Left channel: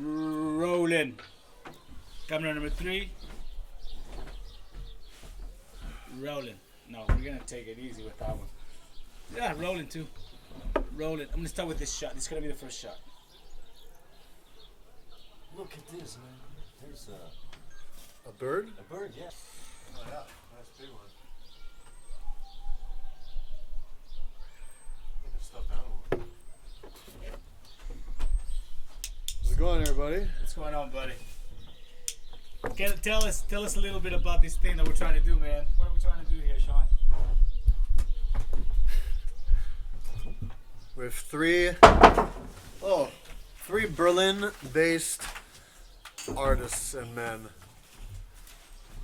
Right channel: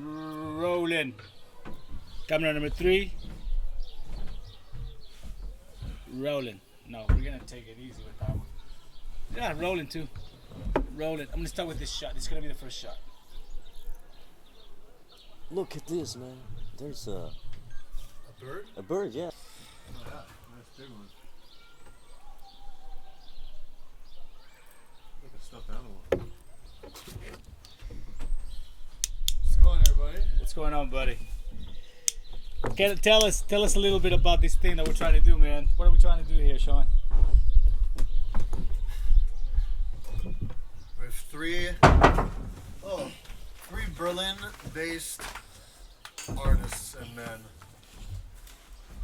Rolling. Camera number 3. Rolling. No, we're gonna take it easy with that one. Yeah, rolling too. Rolling. I'm gonna start with this shot. This is gonna be the first shot. Look at this, man. There's A bird? a bird, yeah. Oh yeah, nice big one. Like a stuffed animal. How's it going, everybody? What's going on, buddy? Tell us a little bit about this thing that we're trying to do, man. What are we trying to do here, Sean? We have three Berlin-based artists and men.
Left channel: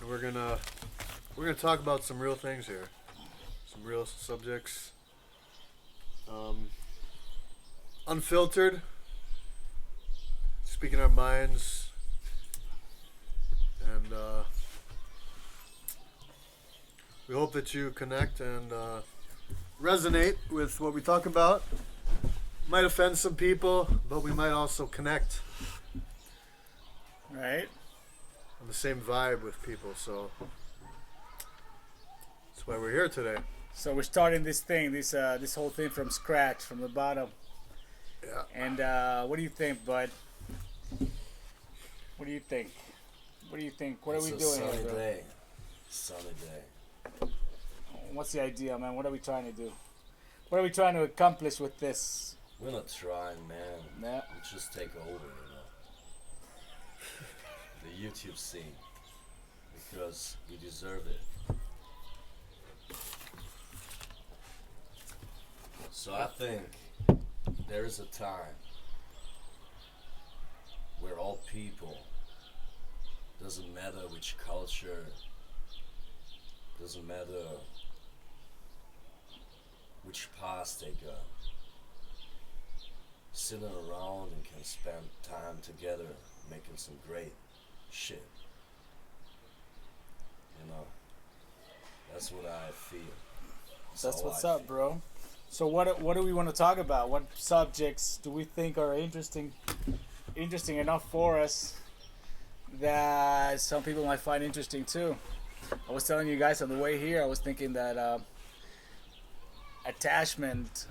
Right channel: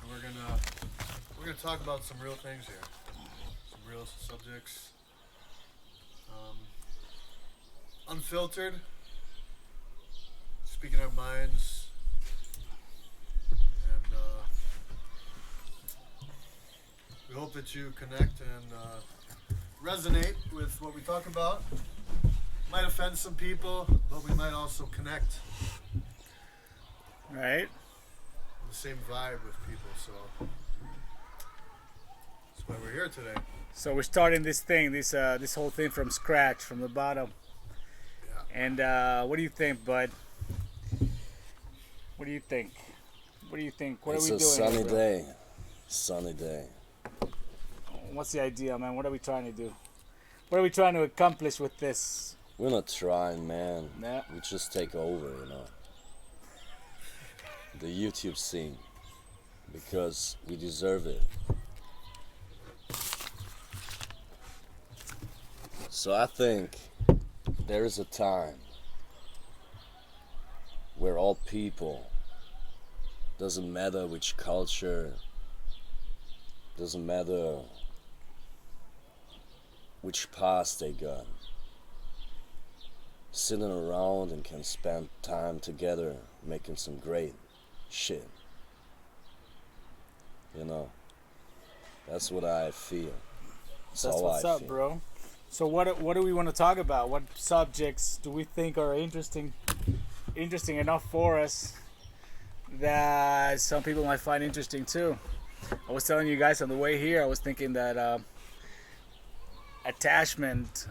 And we're gonna talk about some real things here, some real subjects, unfiltered, speaking our minds, and we hope that you connect and resonate with what we talk about. Might offend some people, but we might also connect Right? on the same vibe with people. So that's why we're here today. So we're starting this thing, this whole thing from scratch, from the bottom. Yeah. And what do you think, bud? What do you think? What do you think? What It's are we a doing? sunny here, bro? day. Sunny day. What's the idea, man? What are we trying to do? What are we trying to accomplish with this? We're not trying, man. Yeah. We just take over, you know. The YouTube scene. Because we deserve it. So I think there is a time where all people, doesn't matter which culture, doesn't matter which past they got, sitting around and can spend time together making some great shit. You know, that's what I feel. That's how what's I up, feel. bro. So what do we want to talk about? What subjects do we think are interesting enough for us that some people might find interesting too? I was telling you guys on the way here, I was thinking that attachment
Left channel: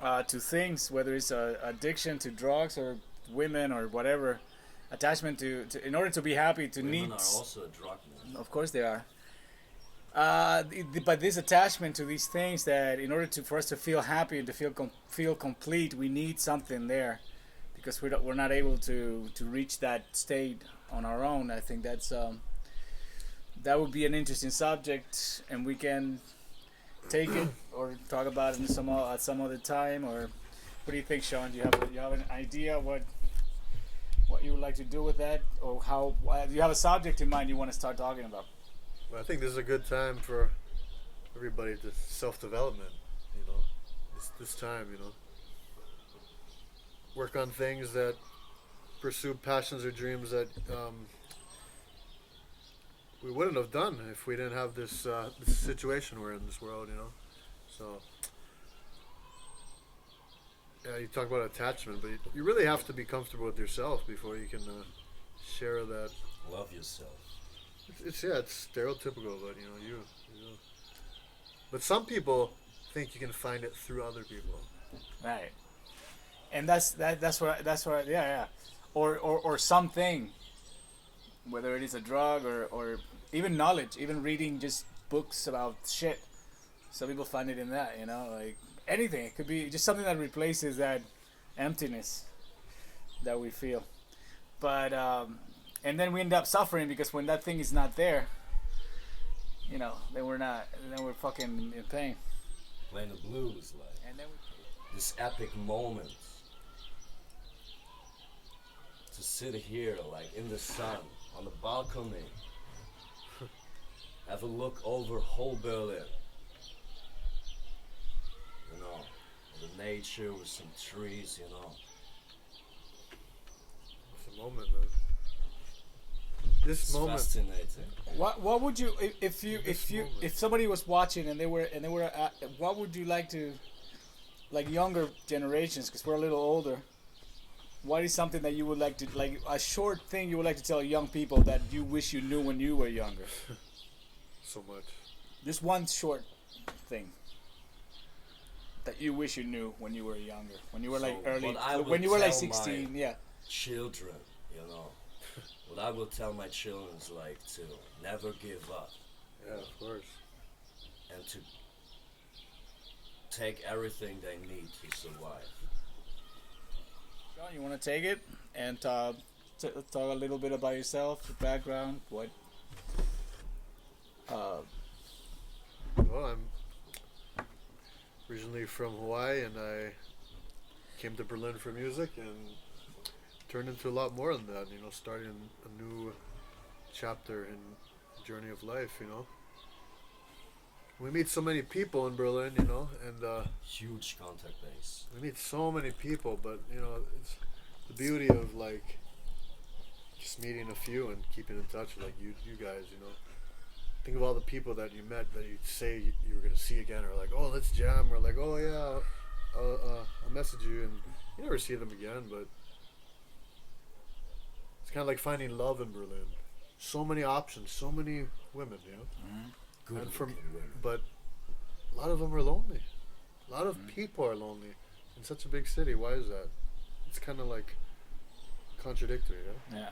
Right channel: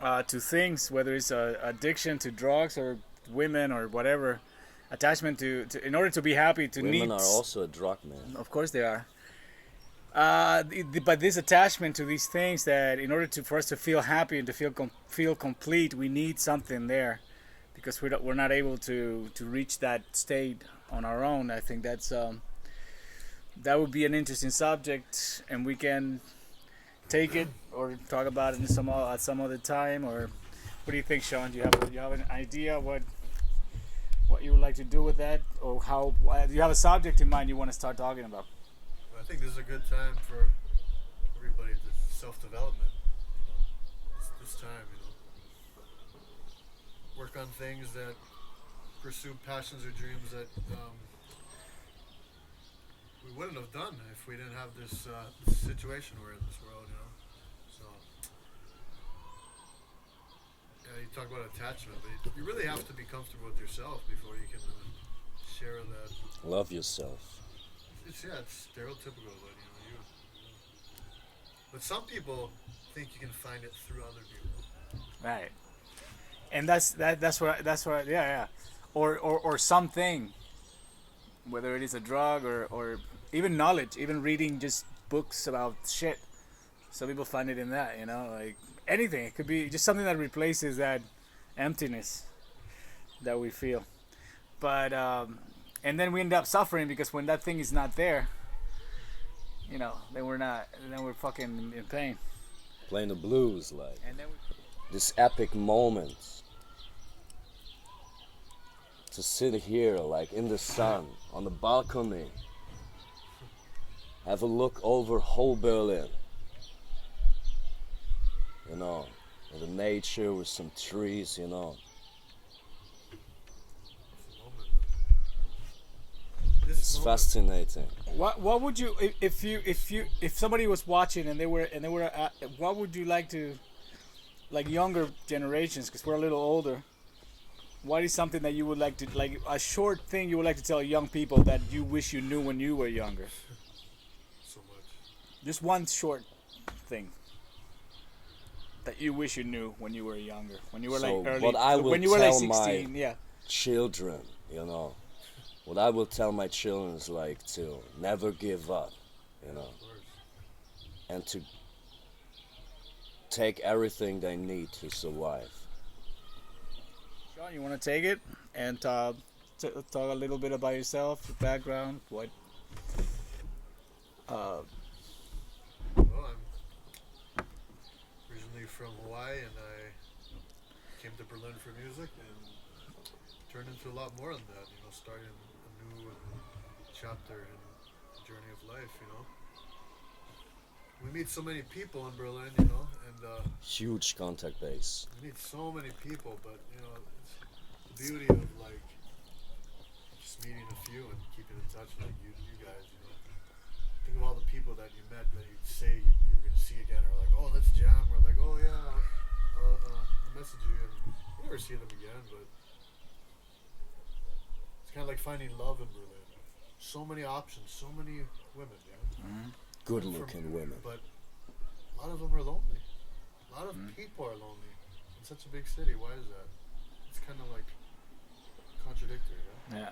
to things, whether it's addiction to drugs or women or whatever, attachment to in order to be happy, to Women need. are also a drug, man. Of course they are. But this attachment to these things, that in order for us to feel happy and to feel complete, we need something there, because we're not able to reach that state on our own. I think that would be an interesting subject, and we can take it or talk about it at some other time. Or what do you think, Sean? Do you have an idea what you would like to do with that, or how do you have a subject in mind you want to start talking about? But I think this is a good time for everybody to self-development. You know, this time, you know, work on things that pursue passions or dreams that we wouldn't have done if we didn't have this situation we're in this world. You know, so yeah, you talk about attachment, but you really have to be comfortable with yourself before you can share that. Love yourself. It's stereotypical, but you know. But some people think you can find it through other people. Right, and that's what yeah, or something, whether it is a drug or even knowledge, even reading just books about shit. Some people find it in that, you know, like anything. It could be just something that replaces that emptiness that we feel, but and then we end up suffering, because when that thing is not there, you know, then we're fucking in pain. Playing the blues, like. And then This epic moment to sit here like in the sun on the balcony, have a look over whole Berlin, you know, with the nature, with some trees, you know. It's a moment, man. This It's moment. fascinating. what would you, if somebody was watching and they were what would you like to, like younger generations, because we're a little older, what is something that you would like to, like a short thing you would like to tell young people that you wish you knew when you were younger? So much. Just one short thing that you wish you knew when you were younger, when you were like So early, what I when would you were like tell my 16. Yeah. children, you know, what I will tell my children is like to never give up, you Yeah, know, of course. and to take everything they need to survive. Sean, you want to take it and talk a little bit about yourself, your background, what? Well, I'm originally from Hawaii, and I came to Berlin for music, and turned into a lot more than that. You know, starting a new chapter in the journey of life. You know, we meet so many people in Berlin. You know, and Huge contact base. we meet so many people, but you know, it's the beauty of like just meeting a few and keeping in touch, like you guys. You know, think of all the people that you met that you say you were gonna see again, or like, oh, let's jam, or like, oh yeah, I'll message you, and you never see them again. But it's kind of like finding love in Berlin. So many options, so many women, you know. Good And looking women. But a lot of them are lonely. A lot of people are lonely in such a big city. Why is that? It's kind of like contradictory, you know? Yeah.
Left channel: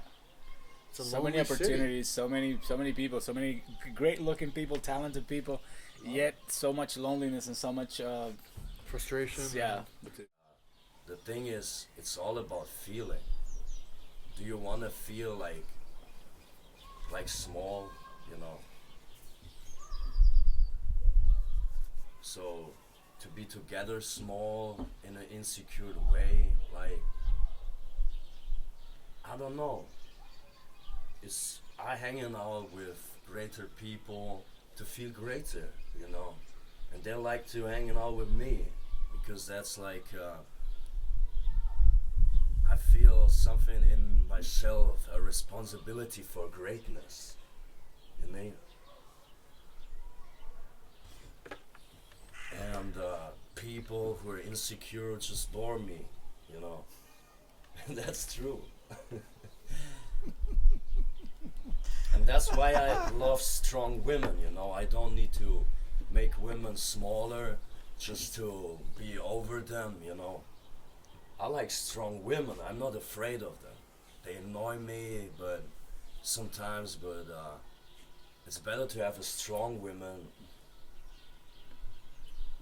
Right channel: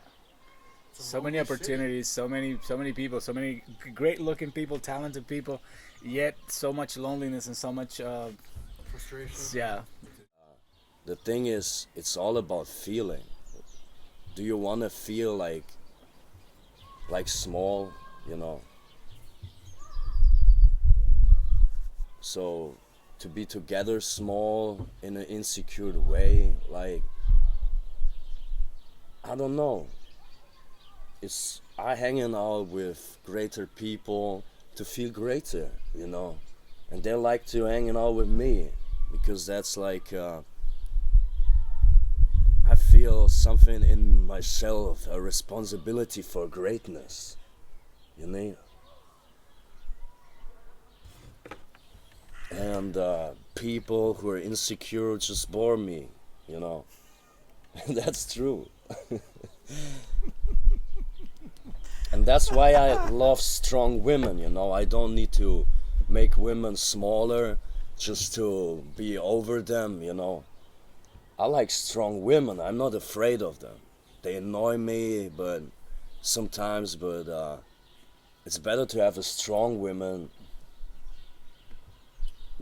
It's a So many lonely city. opportunities, so many people, so many great looking people, talented people, yet so much loneliness and so much Frustration. yeah. The thing is, it's all about feeling. Do you want to feel like small, you know? So to be together small in an insecure way, like, I don't know. It's I hanging out with greater people to feel greater, you know, and they like to hanging out with me because that's like I feel something in myself, a responsibility for greatness, you know. And people who are insecure just bore me, you know. That's true. And that's why I love strong women, you know. I don't need to make women smaller just to be over them, you know. I like strong women. I'm not afraid of them. They annoy me, but sometimes, it's better to have a strong woman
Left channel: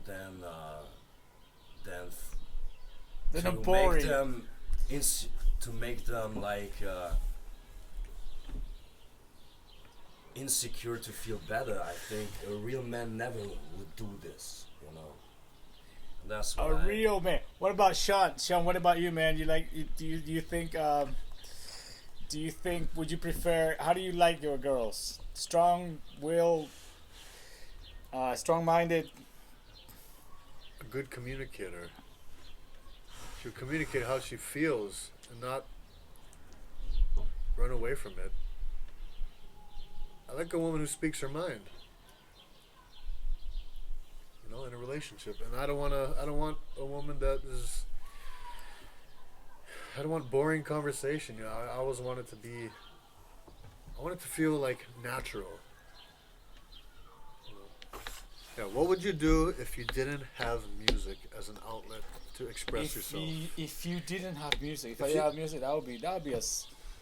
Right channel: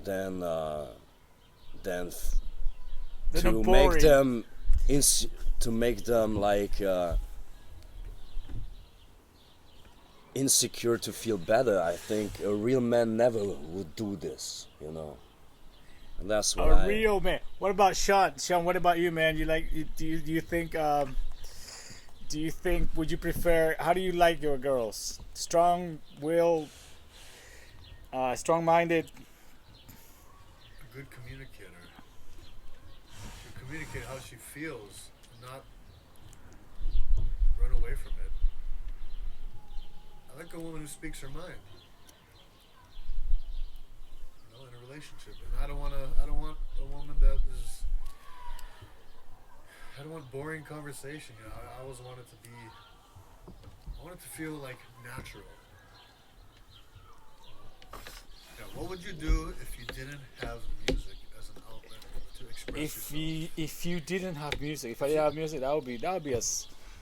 than They're to not make boring. them to make them like insecure to feel better. I think a real man never would do this, you know. And that's why A real man. What about Sean? Sean, what about you, man? You like? Do you think? Do you think? Would you prefer? How do you like your girls? Strong-willed, strong-minded. A good communicator. She'll communicate how she feels and not run away from it. I like a woman who speaks her mind. You know, in a relationship, and I don't want a woman that is. I don't want boring conversation. You know, I always want it to be. I want it to feel like natural. You know? Yeah. What would you do if you didn't have music as an outlet to express yourself? If you didn't have music, if I If didn't you- have music, that would be a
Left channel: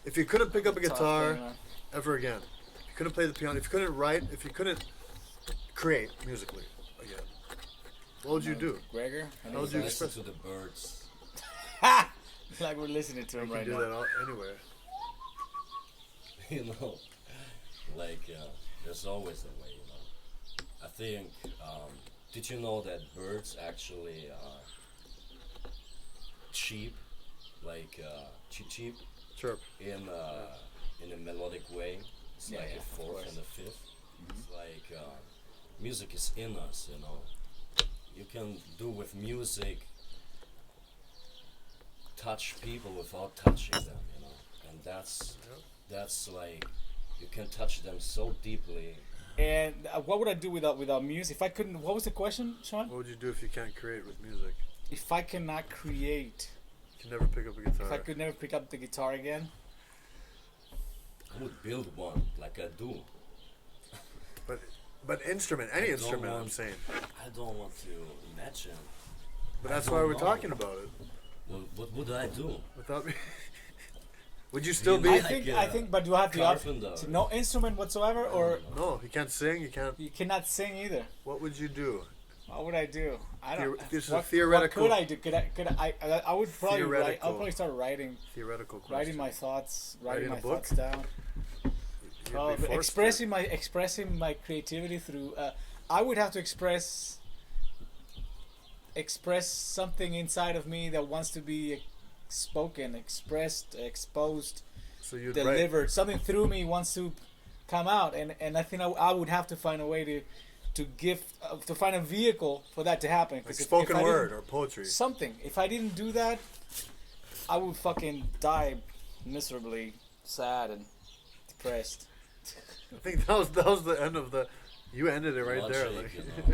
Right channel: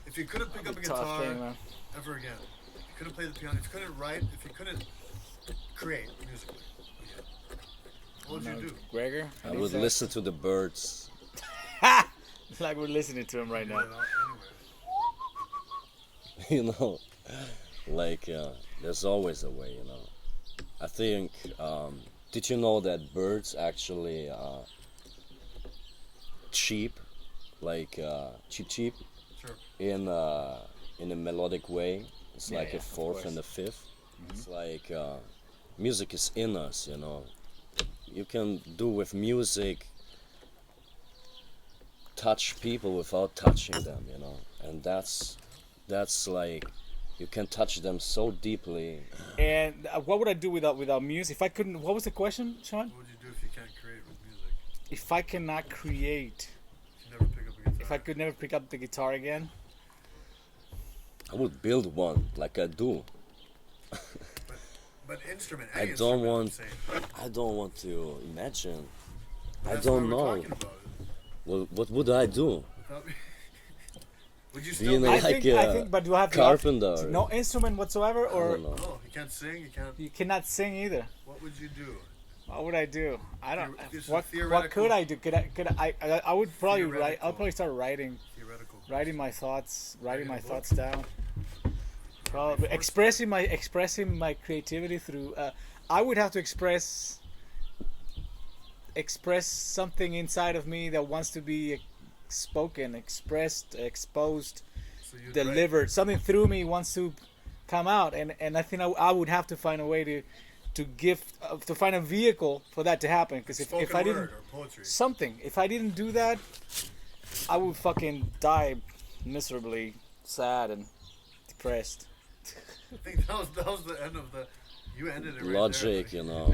If you couldn't pick up a tough guitar thing, man. ever again, if you couldn't play the piano, if you couldn't write, if you couldn't create musically again, what would you do? Gregor? I would listen to the birds. Like we're listening to him right Do now. that anyway. You know, like there's always a way, you know. I think did you know that birds actually cheep, like cheep Chirp. in a melodic way? It's Yeah, like yeah, a of fourth course. and a fifth. It's like music is in us, you know. You can do with music touch people without touching them, you know, and that's like you can touch them so deeply. And what would I do without music? If I couldn't, what was the question, Sean? What would you do if you can't create with music? If I cannot create, you never pick up a guitar. If I could never pick up the guitar again, I would build one like I do. But instrument, any I don't instrument, I'm want- saying. I don't want to imagine. But I that's why don't we're know. talking about it. Well, what would I do? Without me. Would you Being still be? like I think, but you have to carpenter. no instrument whatsoever, I or don't know. No, you can't sing. You can't. you cannot sing either. What would you do? What would I do? I don't. This is a What theoretical- could I do? I would probably write. Theoretical. I'll probably start writing Theoretical. Question. writing my thoughts, Writing writing a my book? thoughts down. You'd be Probably forced expressing my creativity through. I would have to express something inside of me that wants to be spoken, expressed, exposed, to- So you'd delivered. Something through me wants to come out, and I think I would have to find a way to find a vehicle for that to happen. write Because like if spoken I word didn't or poetry. something, if I didn't do that, I would fucking die miserably, sad and depressed. I think that was the end of the. You ended it right there. Logic, like- you know.